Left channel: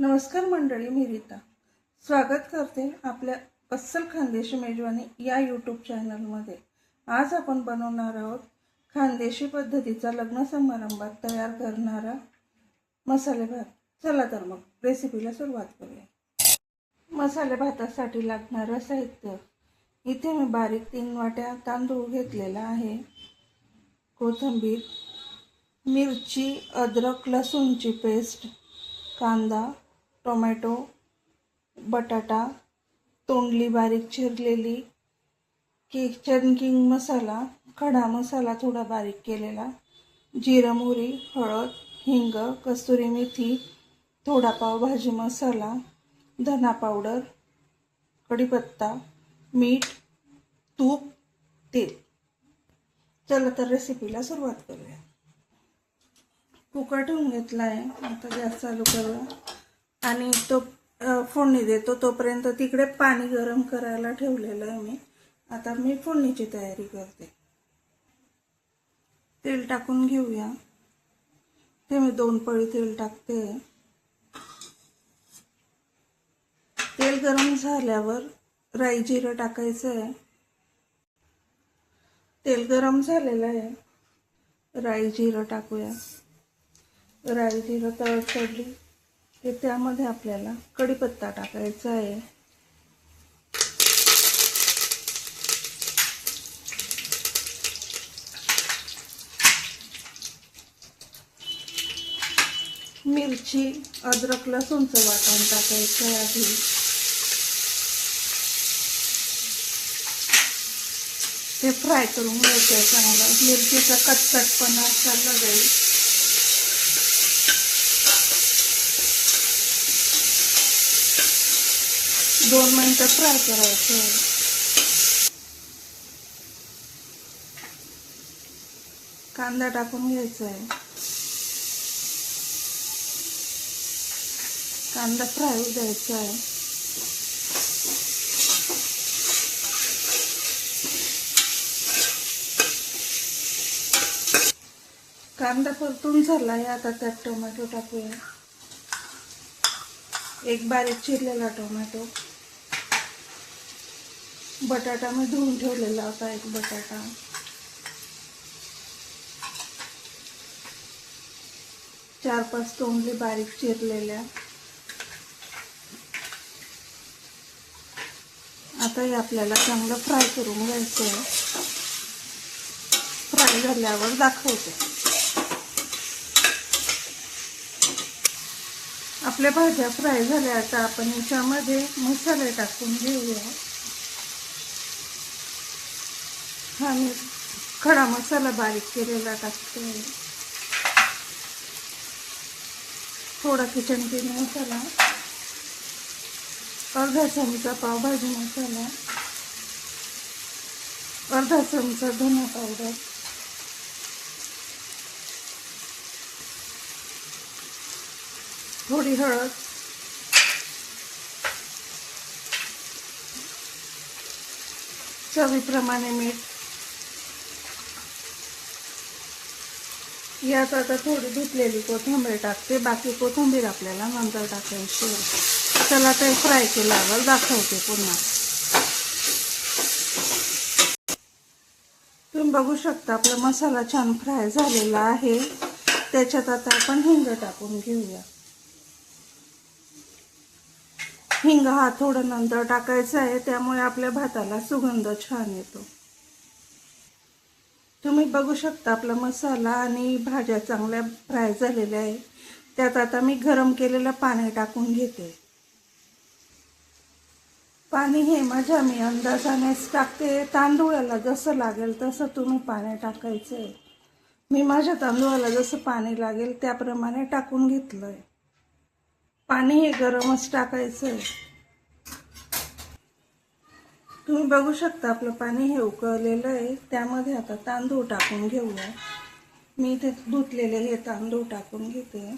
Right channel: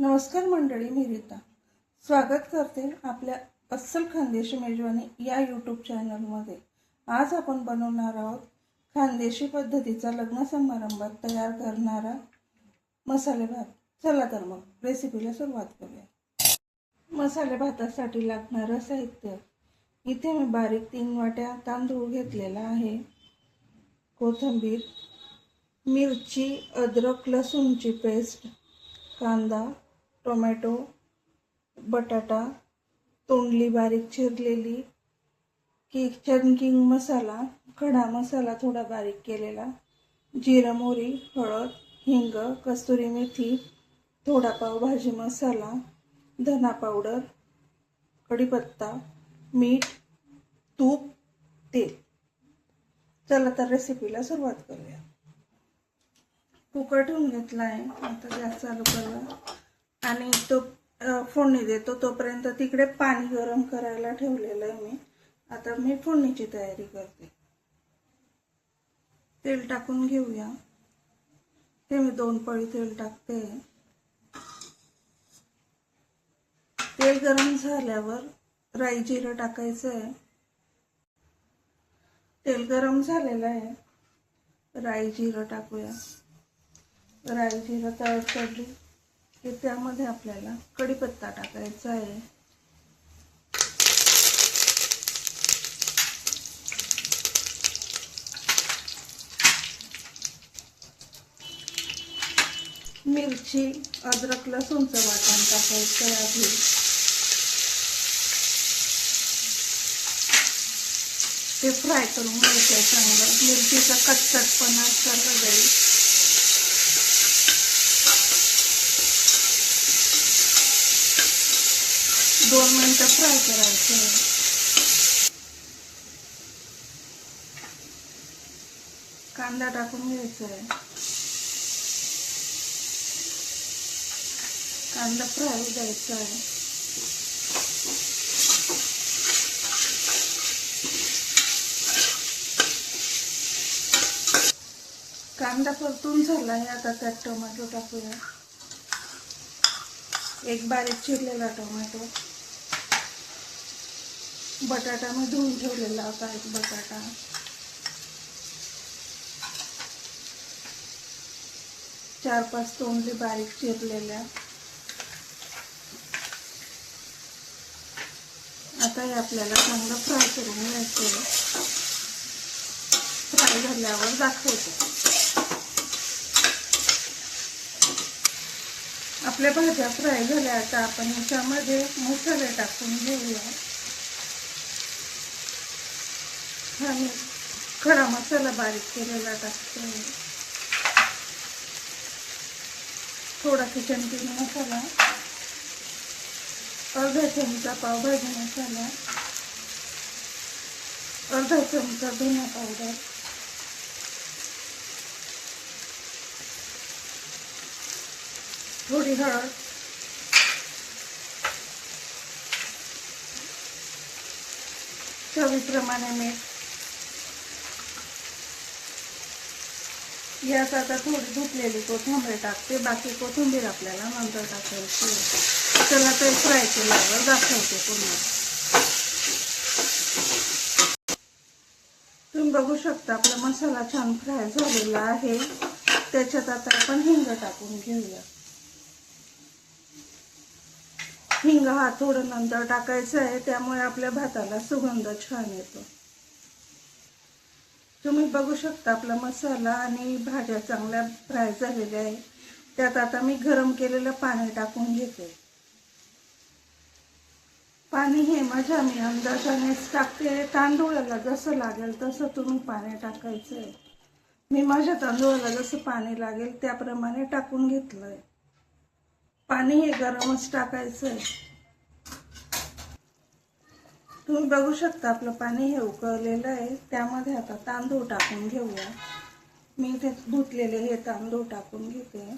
नमस्कार मंडळी, मी रीता स्वागत करते आपल्या अस्सल खानदेशी मेजवानी या यूट्यूब चॅनलमध्ये। आज आपण बनवणार आहोत खानदेशी पद्धतीचा लग्न समारंभात तयार करणारा मसाले भात। चला तर मग रेसिपीला सुरुवात करूया। मसाले भातासाठी लागणारं साहित्य इथे मी बारीक 3 वाट्या तांदूळ घेतलेला आहे, कोथिंबीर, मिरची, अद्रक लसूणची पेस्ट, कांदा, टोमॅटो, बटाटा, तोंडली बारीक चिरलेली, किचन किंग मसाला, खडा मसाला थोडा बारीक केलेला, जिरा मोहरी, हळद, हिंग, कस्तुरी मेथी, थोडा पावभाजी मसाला, धना पावडर, कढीपत्ता, मीठ, तूप, तेल। चला तर रेसिपीला सुरुवात करूया। कुकर ठेवून घेतला आहे, आता गॅस चालू करूया आणि तो फोडणी देतो। तोपर्यंत तिकडे पाणी गरम करायला ठेवलेलं आहे मी। आता मी फोडणीची तयारी करते। तेल टाकून घेऊया। ते मी 2 पळी तेल टाकते। तेल गरम झाल्यावर राई जिरं टाकायचं आहे। तेल गरम झालेलं आहे, राई जिरं टाकूया। राई जिरं तडतडली की त्यामध्ये आपल्याला कढीपत्ता टाकायचा आहे। मिरची, अद्रक लसूणचं वाटण टाकायचं आहे आधी। ते फ्राय करून घ्यायचं चांगलं। मिरचीचा कचकटपणा सर्व जाईल। दोन मिनिटं फ्राय करायचं। कांदा टाकून घ्यायचा आहे। कांदा फ्राय होऊ द्यायचा आहे। कांदा परतून झाला आहे, आता त्यात टोमॅटो टाकूया। एक बारीक चिरलेला टोमॅटो, बटाटा मी धुवून ठेवलेला होता एक बटाटा, चार 5 तोंडली बारीक चिरलेल्या। आता हे आपल्याला चांगलं फ्राय करून घ्यायचं आहे। फ्राय झाल्यावर दाखवते। आपल्या भाज्या फ्राय झाल्या, आता आपण याच्यामध्ये मसाले टाकून घेऊया। आणि खडा मसाला बारीक केलेला टाकते, थोडा किचन किंग मसाला, अर्धा चमचा पावभाजी मसाला, अर्धा चमचा धना पावडर, थोडी हळद, चवीप्रमाणे मीठ। यात आता थोडी धुतलेली कोथिंबीर टाकते, बाकी कोथिंबीर आपल्याला नंतर टाकायची। चला ते फ्राय केल्यावर दाखवते पुन्हा। तुम्ही बघू शकता आपला मसाला छान फ्राय झालेला आहे। त्याच्यात आता आपण हिंग टाकून घेऊया। हिंग हा थोडं नंतर टाकायचा आहे, त्यामुळे आपल्या भाताला सुगंध छान येतो। तुम्ही बघू शकता आपला मसाला आणि भाज्या चांगल्या फ्राय झालेल्या आहे। त्यात आता मी गरम केलेलं पाणी टाकून घेते। पाणी हे माझ्या मी अंदाजानेच टाकते। तांदूळाला जसं लागेल तसं तुम्ही पाणी टाकायचं आहे। मी माझ्या तांदूळाला जसं पाणी लागेल त्याप्रमाणे टाकून घेतलंय। पाणी हे गरमच टाकायचं आहे। तुम्ही बघू शकता आपलं पाणी हे उकळलेलं आहे। त्यामध्ये आता तांदूळ टाकून घेऊया। मी इथे धुतलेले हे तांदूळ टाकून घेते।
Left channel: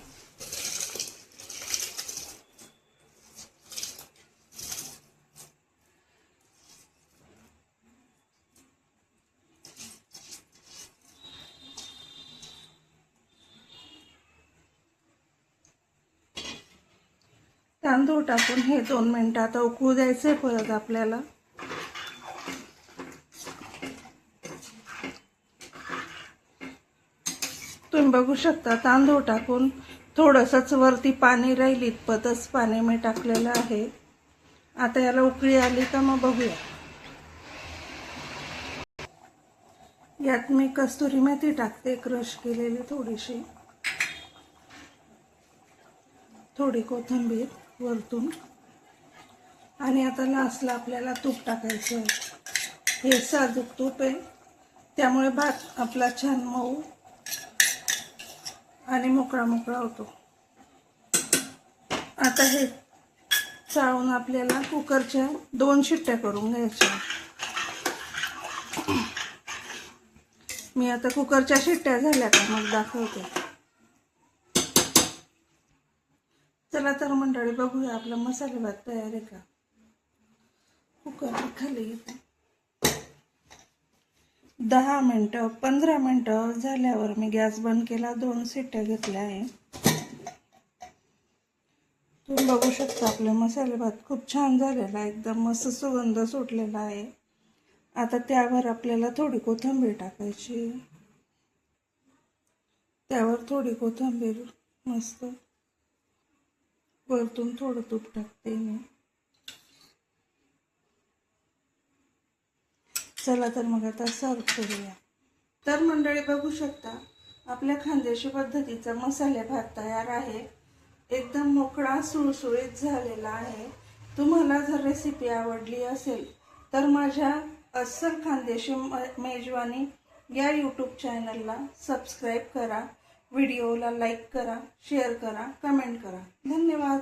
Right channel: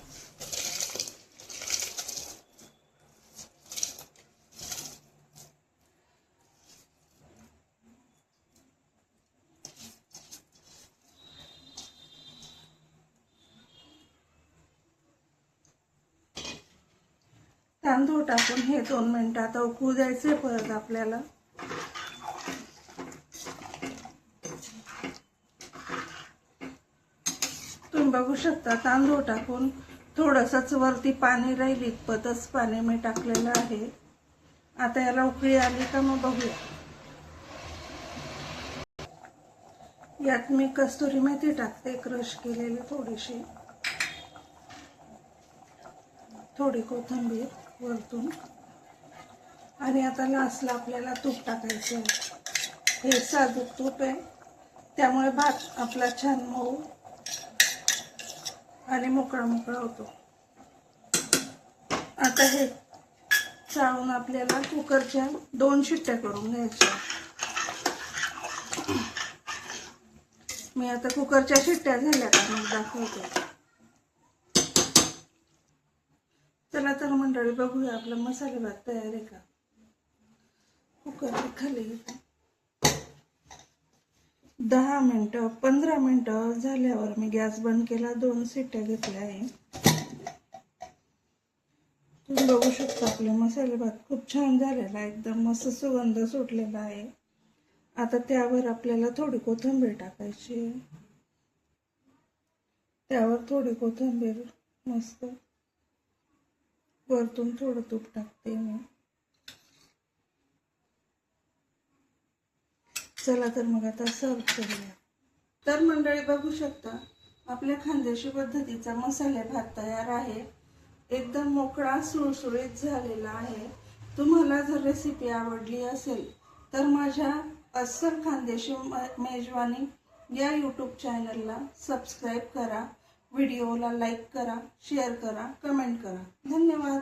तांदूळ टाकून हे 2 मिनिटं आता उकळू द्यायचे परत आपल्याला. तुम्ही बघू शकता तांदूळ टाकून थोडंसंच वरती पाणी राहील इतपतच पाणी मी टाकलेलं आहे. आता याला उकळी आली का मग बघूया. यात मी कस्तुरी मेथी टाकते क्रश केलेली थोडीशी, थोडी कोथिंबीर वरतून, आणि आता लास्टला आपल्याला तूप टाकायचं आहे. हे साजूक तूप आहे त्यामुळे भात आपला छान मऊ आणि मोकळा मोकळा होतो. आता हे चाळून आपल्याला कुकरच्या 2 शिट्ट्या करून घ्यायच्या. मी आता कुकरच्या शिट्ट्या झाल्या का मग दाखवते. चला तर मंडळी बघूया आपला मसाले भात तयार आहे का. कुकर खाली घेते. 10 मिनिटं 15 मिनिटं झाल्यावर मी गॅस बंद केला, 2 शिट्ट्या घेतल्या आहे. तुम्ही बघू शकता आपले मसाले भात खूप छान झालेला आहे, एकदम मस्त सुगंध सुटलेला आहे. आता त्यावर आपल्याला थोडी कोथिंबीर टाकायची. त्यावर थोडी कोथिंबीर, मस्त वरतून थोडं तूप टाकते मी. चला तर मग आता सर्व करूया. तर मंडळी बघू शकता आपल्या खानदेशी पद्धतीचा मसाले भात तयार आहे. एकदम मोकळा सुळसुळीत झालेला आहे. तुम्हाला जर रेसिपी आवडली असेल तर माझ्या अस्सल खानदेशी मेजवानी या यूट्यूब चॅनलला सबस्क्राईब करा, व्हिडिओला लाईक करा, शेअर करा, कमेंट करा. धन्यवाद.